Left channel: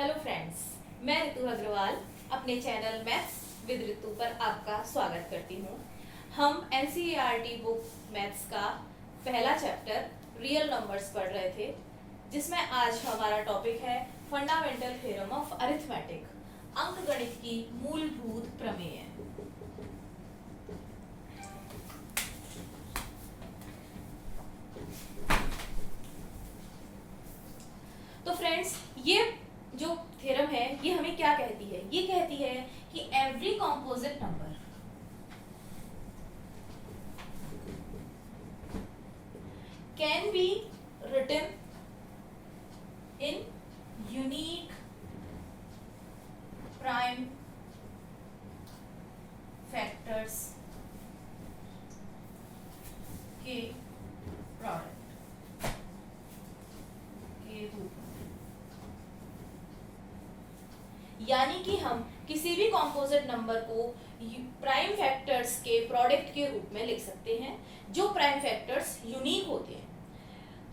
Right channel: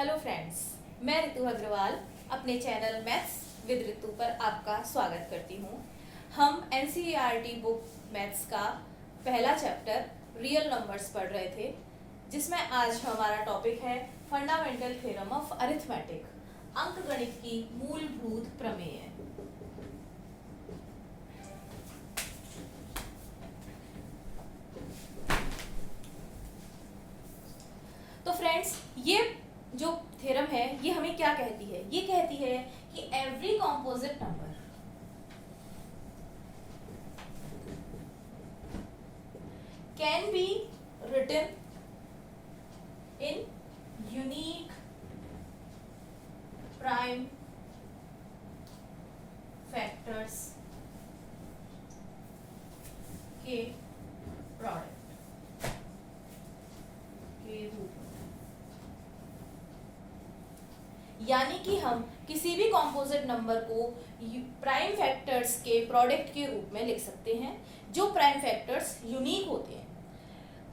Hello friends, मैं ऋतु अग्रवाल अपने channel maths with ऋतु पर आपका स्वागत करती हूँ। हम एनसीईआरटी बुक मैथ्स का पहला चैप्टर रियल नंबर्स पढ़ रहे थे, जिसमें आज हमारा टॉपिक है फंडामेंटल थ्योरम ऑफ अरिथमेटिक, अंकगणित की मूलभूत प्रमेय। तो फ्रेंड्स, ये जो थ्योरम है ये हमें क्या कहती है? ये कहती है कि every composite number can be written in unique prime factors के प्रोडक्ट के रूप में। यानी कि हम किसी भी कॉम्पोजिट नंबर को प्राइम फैक्टर्स के प्रोडक्ट के रूप में लिख सकते हैं, जो प्राइम फैक्टर्स यूनिक होते हैं।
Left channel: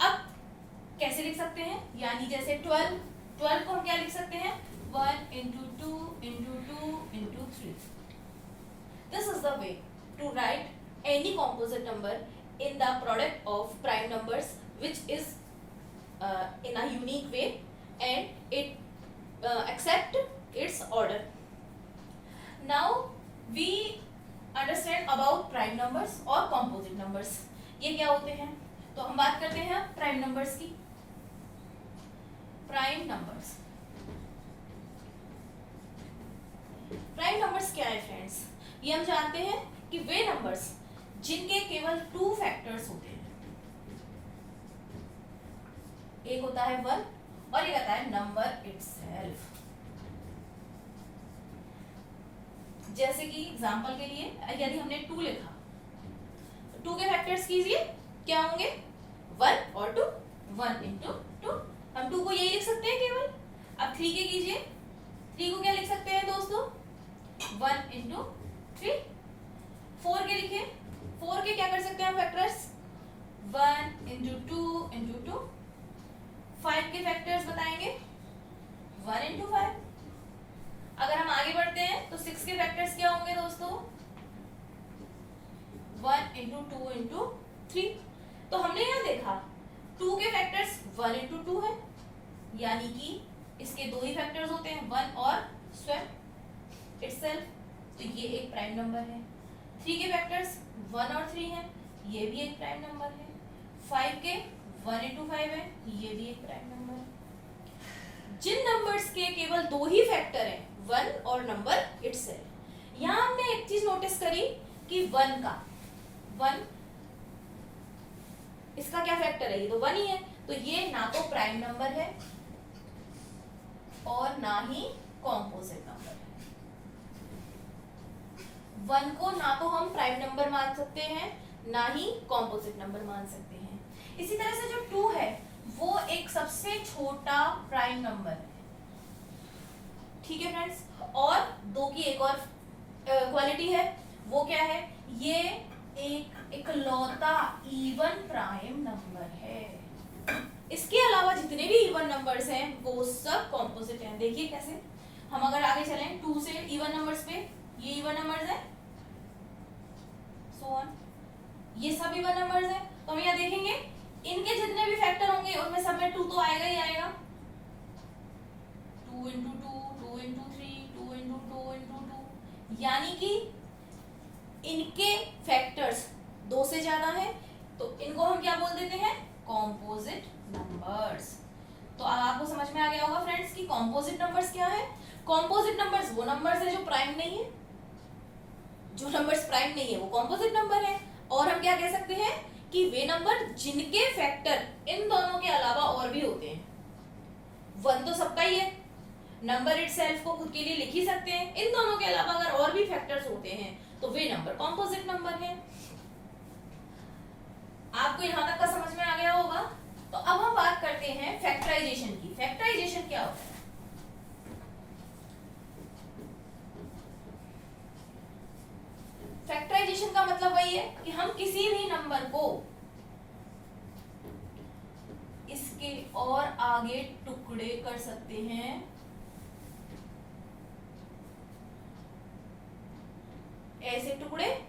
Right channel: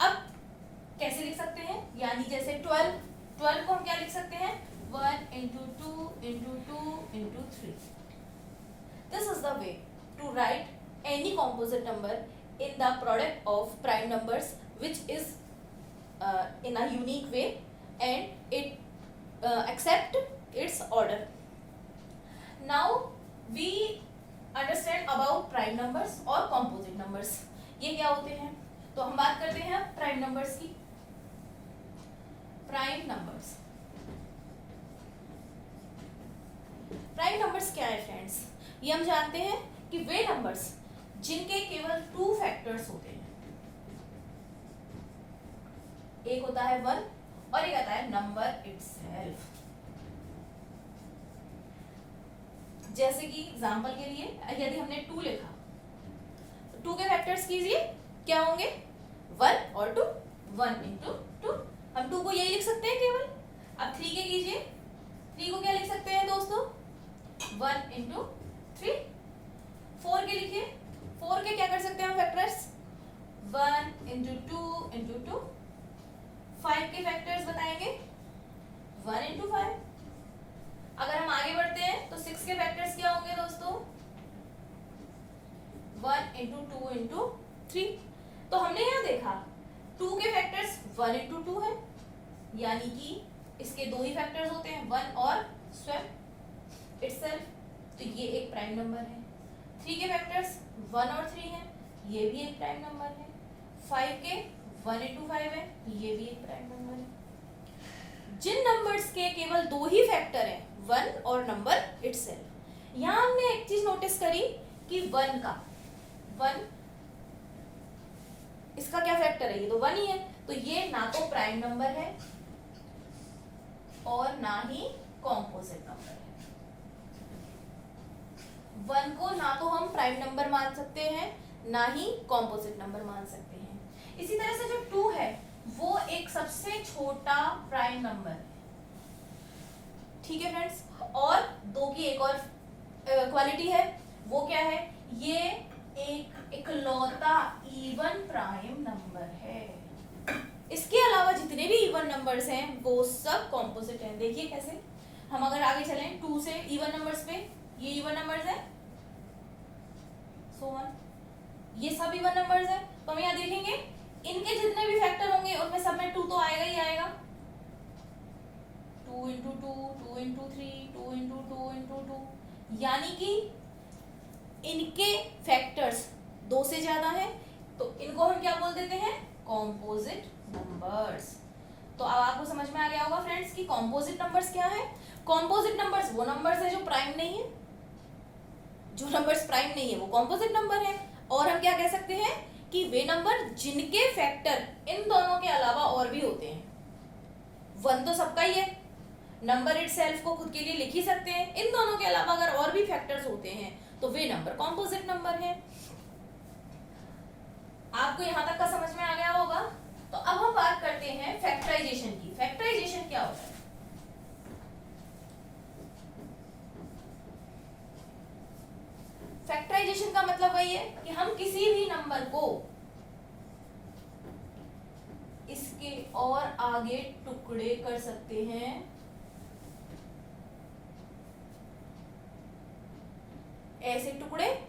अब कैसे लिख सकते हैं? यानी जैसे 12 को हम क्या लिख सकते हैं? 1 into 2 into 2 into 3. This is the way to write any composite number in the product of prime numbers, which is in a unique way and it accept its order. Now we understand about prime numbers और composite numbers. ये क्या होते हैं? तो हम बात करते हैं प्राइम नंबर्स की। प्राइम नंबर्स क्या है फ्रेंड्स? ये हम जानते हैं कि वे नंबर्स जिनके केवल 2 फैक्टर्स होते हैं। एक होता है 1 और एक आता है नंबर इटसेल्फ। जैसे कि एग्जांपल के लिए यदि हमने 2 लिखा तो 2 के फैक्टर्स कीजिए, क्या होंगे? 1 और 2, 1 into 2। हम 2 को यही लिख सकते हैं केवल। अब 3 के कीजिए, 3 को क्या लिख सकते हैं दोस्तों? 1 into 3। 4 के लिखिए, 4 के क्या कर सकते हैं हम फैक्टर्स? 1 into 2 into 2। 5 के फैक्टर्स बताएंगे 1 into 5। अगर हम आगे बढ़ते हैं तो 6 के फैक्टर्स क्या होंगे दोस्तों? 1 into 2 into 3। तो हमने यहाँ देखा 2 के फैक्टर्स 1 into 2 है, यानी कि इसके 2 ही फैक्टर्स होते हैं, 1 और स्वयं इटसेल्फ। तो ये एक प्राइम नंबर है। 3 के फैक्टर्स 1 और 3 है, ये भी एक प्राइम नंबर है। 5 के 1 into 5 है, ये भी एक प्राइम नंबर है। जिन नंबर्स के केवल 2 ही फैक्टर हैं, 1 और नंबर इटसेल्फ। यहाँ हमने एक चीज नोटिस करी कि 1 इसका क्या फैक्टर है? ये तो 1 ही है, तो ये ना तो प्राइम नंबर है और ना ही कॉम्पोजिट नंबर है। 1 को ना तो हम प्राइम नंबर मान सकते हैं, ना ही कॉम्पोजिट नंबर मान सकते हैं। इसी तरह से जो 2 है वो एक सबसे छोटा प्राइम नंबर है। ठीक है फ्रेंड्स, और 2 की एक और क्वालिटी है, वो क्या है? ये एक इकलौता इवन प्राइम नंबर है। इसके अलावा जितने भी इवन नंबर्स हैं वो सब कॉम्पोजिट हैं। देखिए कैसे, हम अगर आगे चलें 2 से इवन नंबर्स पे, ये इवन नंबर्स है, सो ऑन, ये सब इवन नंबर्स है। तो हम यहाँ देखेंगे इनके जितने भी फैक्टर होंगे उनमें सब में 2 तो आएगा ही आएगा। 2 into 2, 2 into 3, 2 into 2 into 2, यानी कि इनके फैक्टर्स 2 से ज्यादा हैं, तो इनको हम क्या बोल देते हैं? Composite numbers. तो अब आपको समझ में आ गया होगा फ्रेंड्स कि कॉम्पोजिट नंबर्स क्या है। कॉम्पोजिट नंबर्स वो नंबर्स है जो प्राइम नहीं है। जो नंबर्स प्राइम नहीं है वो कॉम्पोजिट नंबर है। और हम क्या कह सकते हैं कि वे नंबर जिनके फैक्टर इन दोनों के अलावा और भी होते हैं। 1 तो सबका ही है, नंबर इटसेल्फ को खुद के लिए लिख ही सकते हैं, इन दोनों के अलावा अगर और भी फैक्टर्स होते हैं तो वे नंबर कॉम्पोजिट नंबर है। आपको यहां तक का समझ में आ गया होगा। तो अब हम बात करते हैं फैक्टराइजेशन की। फैक्टराइजेशन क्या होता है? फैक्टराइजेशन का मतलब वही है कि हम किसी भी नंबर को इसके और आगे टुकड़े कर सकते हैं ऐसे टुकड़े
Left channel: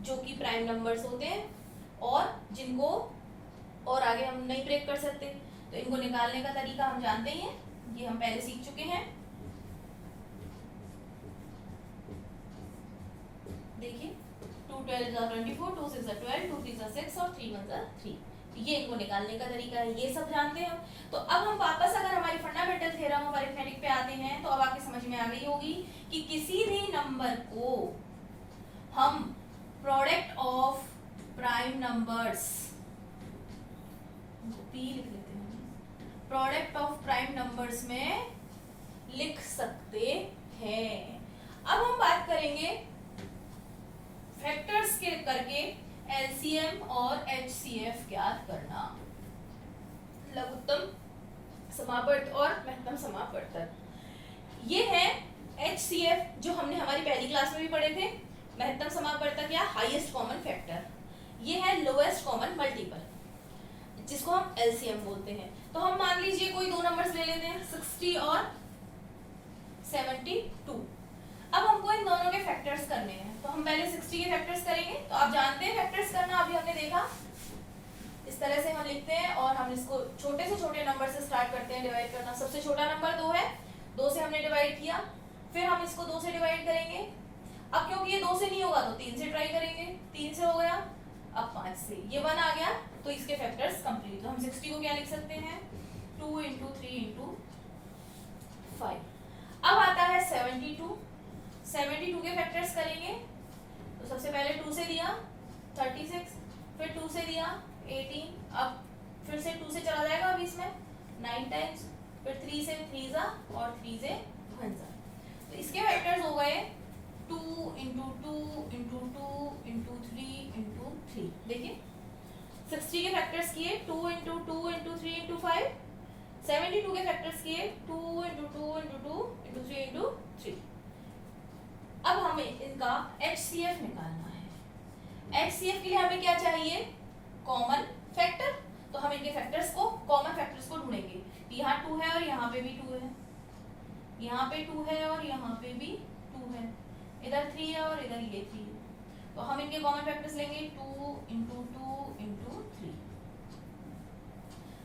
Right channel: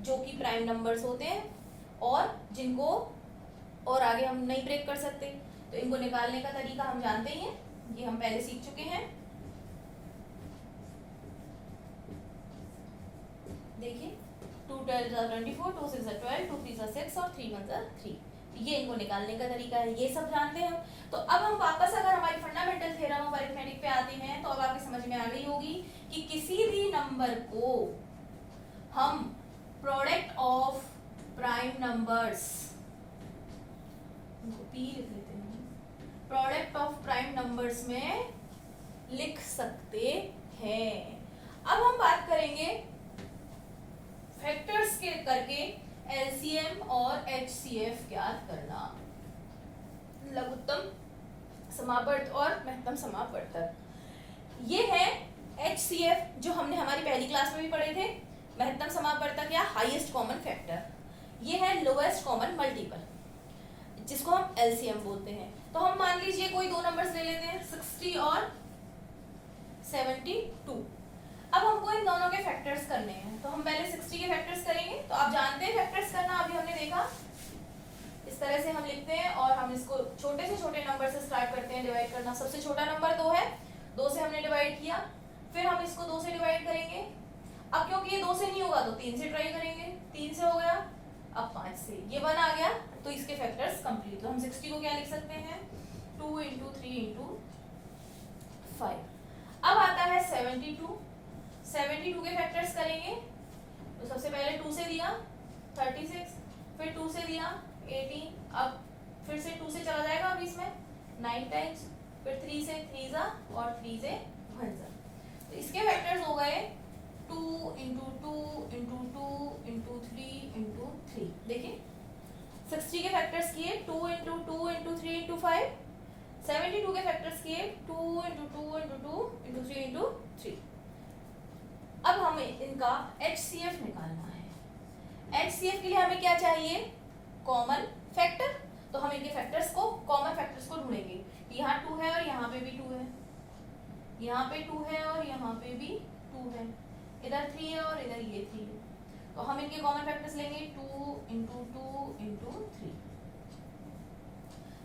जो कि प्राइम नंबर्स होते हैं और जिनको और आगे हम नहीं ब्रेक कर सकते, तो इनको निकालने का तरीका हम जानते ही हैं, ये हम पहले सीख चुके हैं। देखिए 2 12 24, 2 6 12, 2 3 6 और 3 1 3, ये इनको निकालने का तरीका है, ये सब जानते हैं हम। तो अब हम वापस अगर हमारी फंडामेंटल थ्योरम ऑफ अरिथमेटिक पे आते हैं तो अब आपके समझ में आ गई होगी कि किसी भी नंबर को हम product of prime numbers, P लिख लेते हैं, प्रोडक्ट ऑफ प्राइम नंबर्स में लिख सकते हैं। अब हम बात करेंगे फैक्टर्स के करके एलसीएम और एचसीएफ ज्ञात करना, लघुत्तम समापवर्त और महत्तम समापवर्तक। ये है एचसीएफ जो हमने हमारी पहली क्लास में भी पढ़े थे। महत्तम समापवर्तक या हाईएस्ट कॉमन फैक्टर, ये है लोएस्ट कॉमन मल्टीपल जिसको हम एलसीएम बोलते हैं। तो हम मान लीजिए कोई दो नंबर्स ले लेते हैं 60 और 72। अब हमको इन दोनों के फैक्टर्स करने हैं, तो हम पहले 60 के फैक्टर्स करेंगे। तो आप जानते हैं फैक्टर्स करना, अभी हमने देखा इस तरह से हम लिखते हैं और हम इसको छोटे से छोटे नंबर से स्टार्ट करते हैं डिवाइड करना। सबसे छोटा नंबर 2 है, 2 से हमने डिवाइड किया, फिर हम इसको 2 से डिवाइड करेंगे। अब क्योंकि ये 2 से नहीं होगा तो 3 से ट्राई करेंगे, 3 से हो गया, अब 5 से, ये 1 आ गया, तो इसके फैक्टर्स कंप्लीट। तो हम 60 को क्या लिख सकते हैं 2 × 3 × 5। अब आता है 72, 72 के फैक्टर्स करेंगे। तो सबसे पहले 2 से दिया 36, फिर 2 से दिया 18, अब फिर से 2 से चला जाएगा अब इसमें 9 टाइम्स, फिर 3 से 3 जा और 3 से 1 जा। तो इसके फैक्टर्स हो गए 2 × 2 × 2 × 3 × 3। देखिए 60 के फैक्टर्स किए 2 × 2 × 3 × 5, 72 के फैक्टर्स किए 2 × 2 × 2 × 3 × 3। अब हमें इनका HCF निकालना है। HCF के लिए हमें क्या चाहिए, कॉमन फैक्टर। तो हम इनके फैक्टर्स को, कॉमन फैक्टर्स को ढूंढेंगे। यहाँ 2 है और यहाँ पे भी 2 है, यहाँ पे 2 है और यहाँ पे भी 2 है, इधर 3 है और इधर ये 3 है। तो हम इनके कॉमन फैक्टर्स लेंगे 2 × 2 × 3,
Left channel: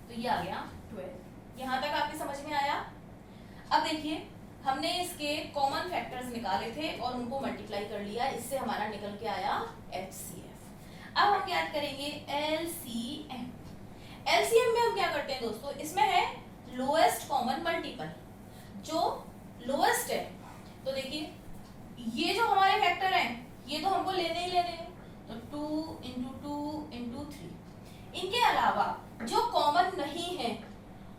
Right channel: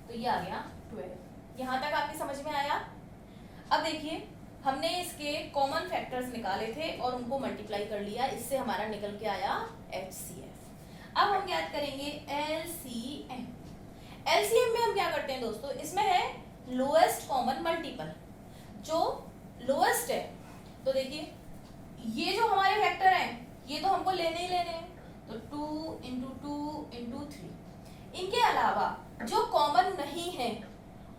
तो ये आ गया 12। यहाँ तक आपकी समझ में आया। अब देखिए हमने इसके कॉमन फैक्टर्स निकाले थे और उनको मल्टीप्लाई कर लिया, इससे हमारा निकल के आया HCF। अब हम याद करेंगे LCM। LCM में हम क्या करते हैं दोस्तों, इसमें है लोएस्ट कॉमन मल्टीपल, जो लोएस्ट है। तो देखिए ये जो हमारे फैक्टर हैं ये तो हमको लेने ही लेने हैं, तो 2 × 2 × 3। इनके अलावा जो कॉमन नहीं है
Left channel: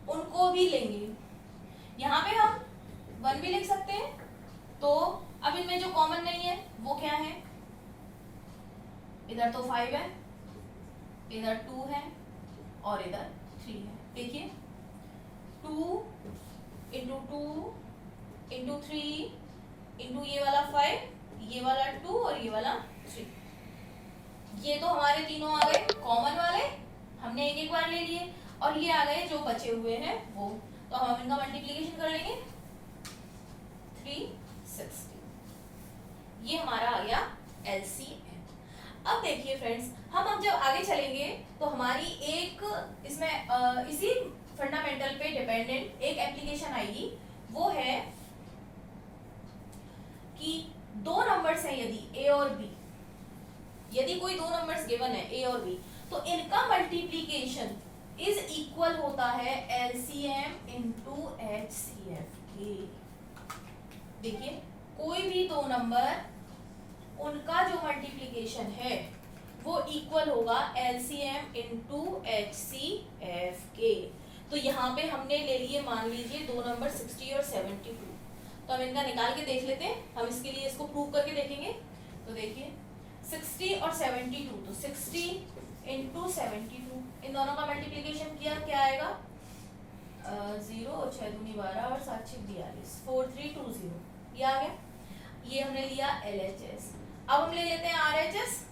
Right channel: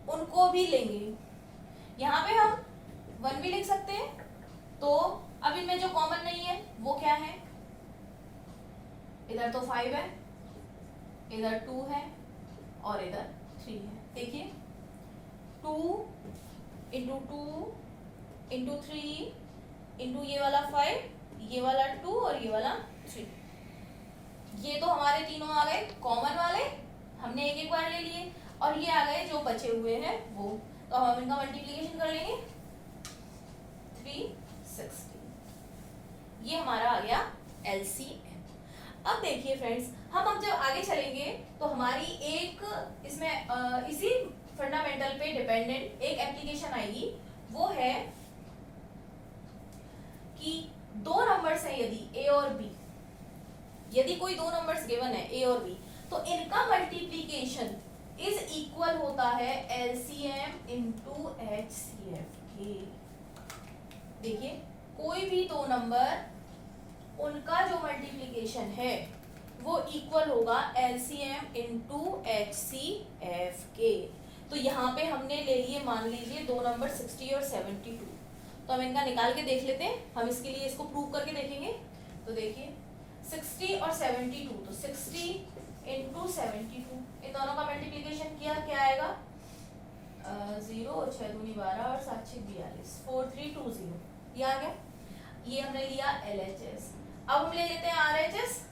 उनको भी लेंगे। यहाँ पे हम 1 भी लिख सकते हैं। तो अब इनमें जो कॉमन नहीं है वो क्या है, इधर तो 5 है, इधर 2 है और इधर 3 है। देखिए 2 × 2 × 3 × ये वाला 5, ये वाला 2 और ये वाला 3, ये तो हमारे तीनों आ गए कॉमन वाले, हमने एक एक बार ले लिए। और ये आ गए जो बचे हुए हैं वो, तो हम इनका मल्टीप्लिकेशन कर लेंगे 360। ये हमारा आ गया LCM। अब देखिए फ्रेंड्स, हम अब जब आगे चलेंगे तो हमारी एक इसमें इसी फंडामेंटल पे डिपेंडेंट एक एप्लीकेशन आएगी, वो है कि दो नंबर्स हैं यदि A और B, यदि कोई दो नंबर्स गिवन है A और B, तो इनका मल्टीप्लिकेशन इज इक्वल होता है LCM × HCF के। देखिए कोई भी दो नंबर, उनका जो मल्टीप्लिकेशन है वो इक्वल होगा LCM × HCF के। तो यहाँ पे हमने ले लिए, मान लीजिए दो नंबर 60 और 72, तो हम इनका निकाल के देख लेते हैं। हम इसके लिए इसको प्रूव करके देखेंगे। तो देखिए 60 और 72, तो 60 × 72, इन दोनों का मल्टीप्लिकेशन किया, क्या आएगा 0 और 6 दूनी 12 और 7 6 42, 4320, ये आ गया। ये हमने लिया LHS। अब हम ले लेते हैं RHS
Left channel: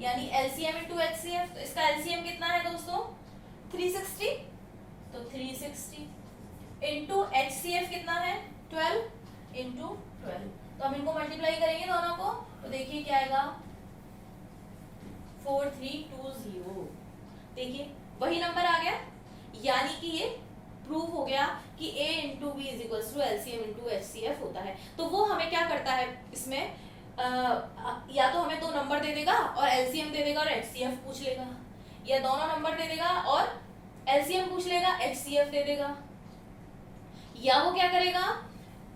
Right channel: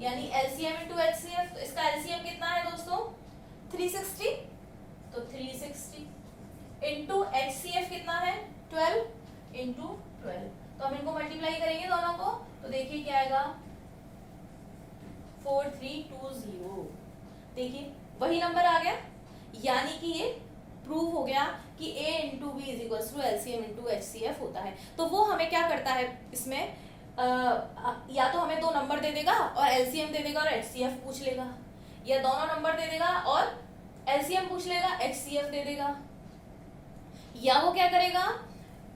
यानी LCM × HCF। तो इसका LCM कितना है दोस्तों 360, तो 360 × HCF कितना है 12 × 12, तो हम इनको मल्टीप्लाई करेंगे दोनों को, तो देखिए क्या आएगा 4320। देखिए वही नंबर आ गया, यानी कि ये प्रूव हो गया कि a into B is equal to LCM into HCF होता है। तो वो हमें क्या करता है इसमें, या तो हमें दो नंबर दे देगा और एलसीएम दे देगा और एचसीएफ पूछ लेगा, या दोनों नंबर दे देगा और एलसीएम पूछ लेगा, एचसीएफ दे देगा, या वो क्या करेगा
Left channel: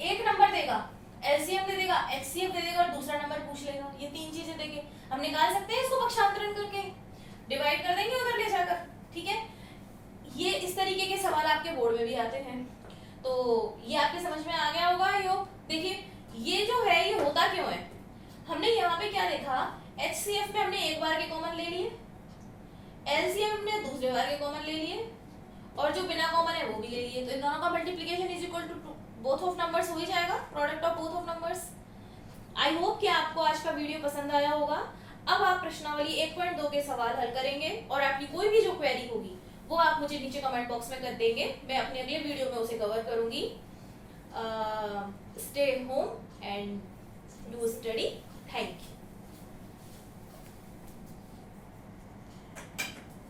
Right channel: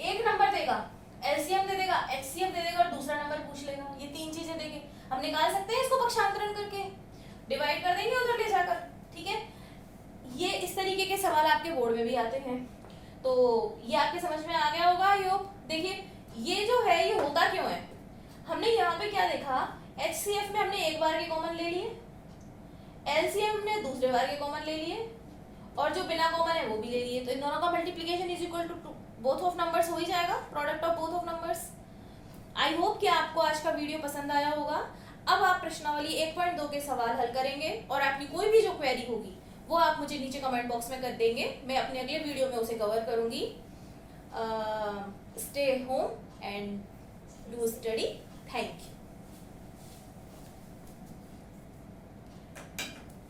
एक नंबर देगा, एलसीएम दे देगा, एचसीएफ दे देगा और दूसरा नंबर पूछ लेगा। ये तीन चीजें देके हम निकाल सकते हैं इसको, पक्षांतरण करके डिवाइड कर देंगे उधर ले जाकर। ठीक है, ये इस तरीके के सवाल आपके बोर्ड में भी आते हैं, तो ये आपके समझ में आ गया होगा योग। देखिए ये जो है ये होता क्यों है, हमने यहाँ पे क्या देखा, एचसीएफ में हमने एक बार के कॉमन ले लिए, एलसीएम ने दूसरे बार के कॉमन ले लिए, और जो बिना कॉमन है वो भी ले लिए। तो इन दोनों का multiplication is equal to both of numbers हो ही जाएगा, product of both of numbers. I hope कि आपको आज का वीडियो पसंद आया होगा। अब आप प्रश्नावली 1.2 के सवाल हल करेंगे और आपकी कोई भी जो क्वेरी होगी वो आप मुझे नीचे कमेंट बॉक्स में कर देंगे, मैं अपने अगले वीडियो में उसे कवर करूंगी। Stay home and do study. Thank you.